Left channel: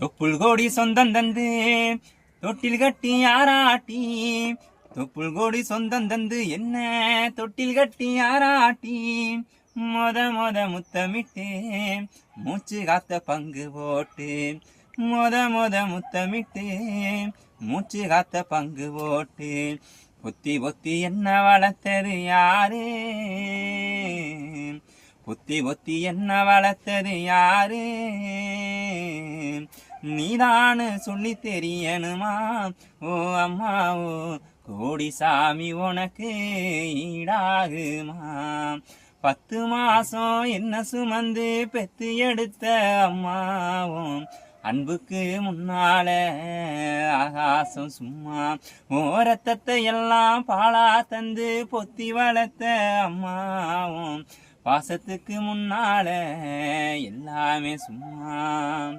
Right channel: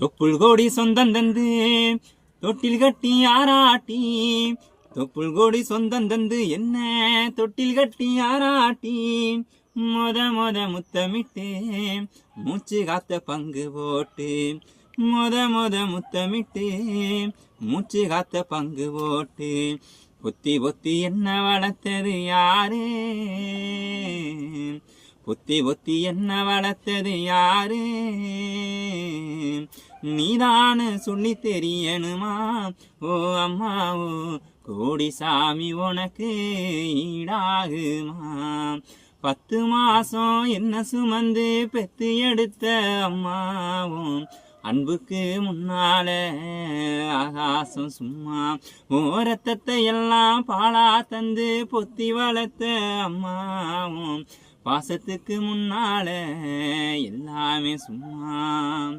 தொப்புள் கோடி சொந்தம் தந்து தொட்டில் கட்டி ஆராட்டி. தொப்புள் கோடி சொந்தம் தந்து என்ன தொட்டில் கட்டி ஆராட்டி. மொத மொத முத்தமிட்டு மூச்சு காத்த பங்கு போட்டு. மொத மொத முத்தமிட்டு மூச்சு காத்த பங்கு போட்டு. புத்தி பொத்தி என்ன வளர்த்தது யாரு? புத்தி பொத்தி என்ன வளர்த்தது யாரு? நீதானு சொல்லி தெரியணுமா? ஓ அம்மா ஓ கோடி சாமி உனக்கு ஈடாகுமா? பத்து மாசம் என்ன சுமந்து பெத்து எடுத்த அம்மாவும் அன்புக்கு முன்னால ஆகாசம் சும்மா ஓரத்தத்தை எல்லாம் பாலா தந்து பொத்தி வளர்த்த அம்மாவும் பாசத்துக்கு முன்னால எல்லாமே சும்மா.